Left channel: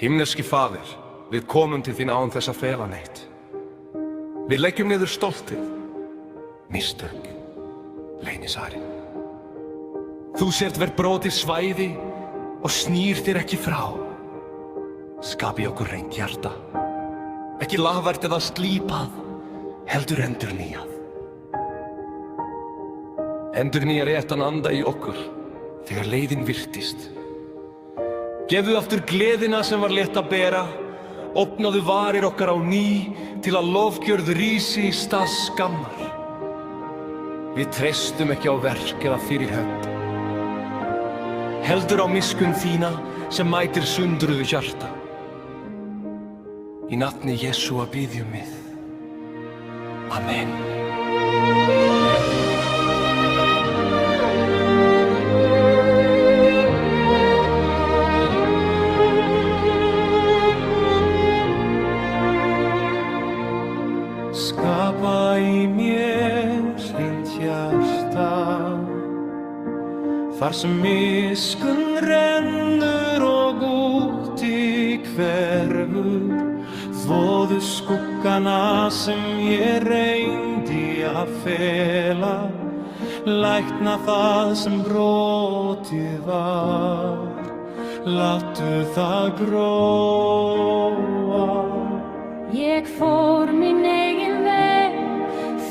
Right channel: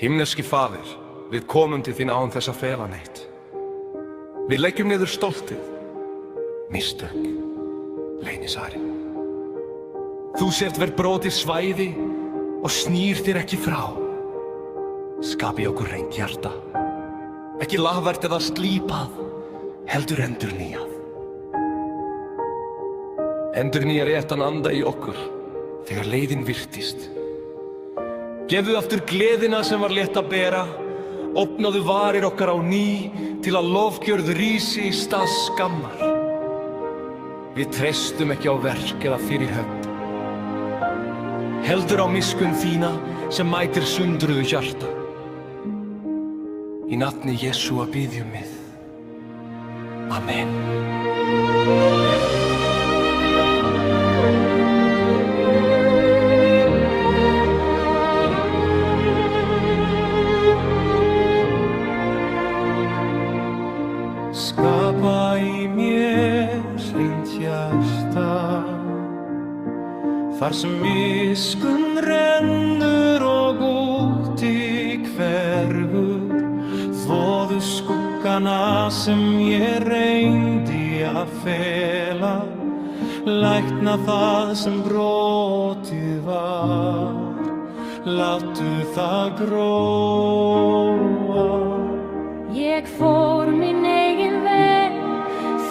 Himneski Faðir, við komum til þín án þess að fela neitt. Við leggjum niður stoltið, mistök, leynisarinn. Þú sért hver brotið svæði og snýr þér ekki frá. Skapi okkur hreint hjarta, ekki lagvært eða slípað, heldur endurnýjað. Endurnýja réttan anda í okkur þegar leiðin virtist. Gefðu aftur gleðina sem var létt að bera, opnaðu varir okkar á ný til að lofgjörð rísi í stað skammar. Við treystum ekki á verk eða fyrirhöfn, heldur á miskunn þína sem mætir sundruðu hjarta. Í nafni Jesúa biðjum við. Amen. Skapa í mér hreint hjarta, þar sem miskunn rennur og út í hverfur. Þvoðu skuggana sem ég reyndi að fela, lækna það sem brotið var, láttu það gróa. Ég fór minn eigin veg,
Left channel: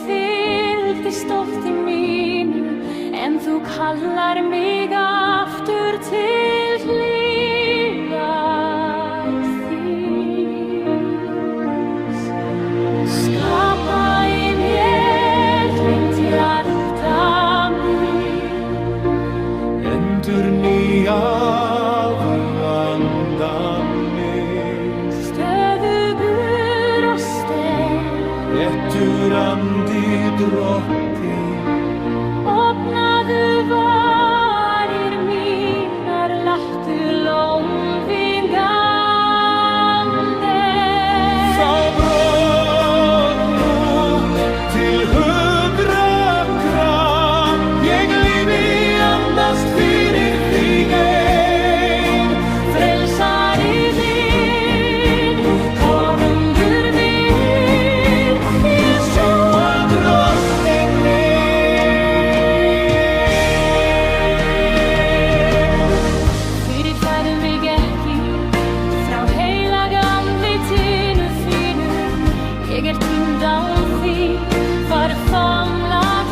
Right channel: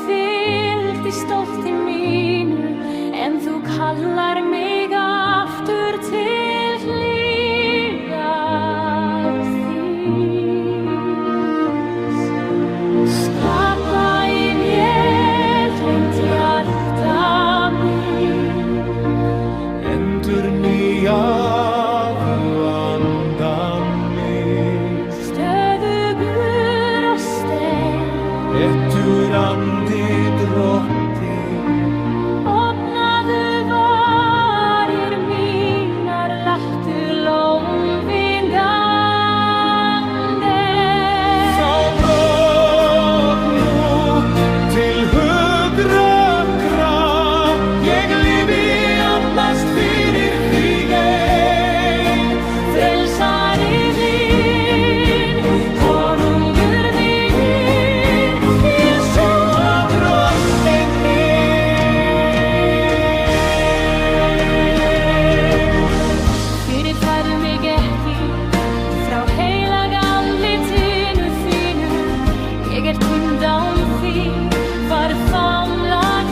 fylgdi stolti mínu, en þú kallar mig aftur til hlýjar þíns. Skapa í mér hreint hjarta mín, endurnýjaðu andan minn, stöðugur og sterk, réttur andi Drottinn. Opnaðu varir mínar, láttu lófin ganga. Frá brotnu til hugrakra, ég lifi andast fyrir þig ein. Frelsari minn, konungur minn, Jesúa drottinn minn. Fyrirfærðu mig ekki frá heilaga andlitinu þínu, ég týnd án þín, var famlag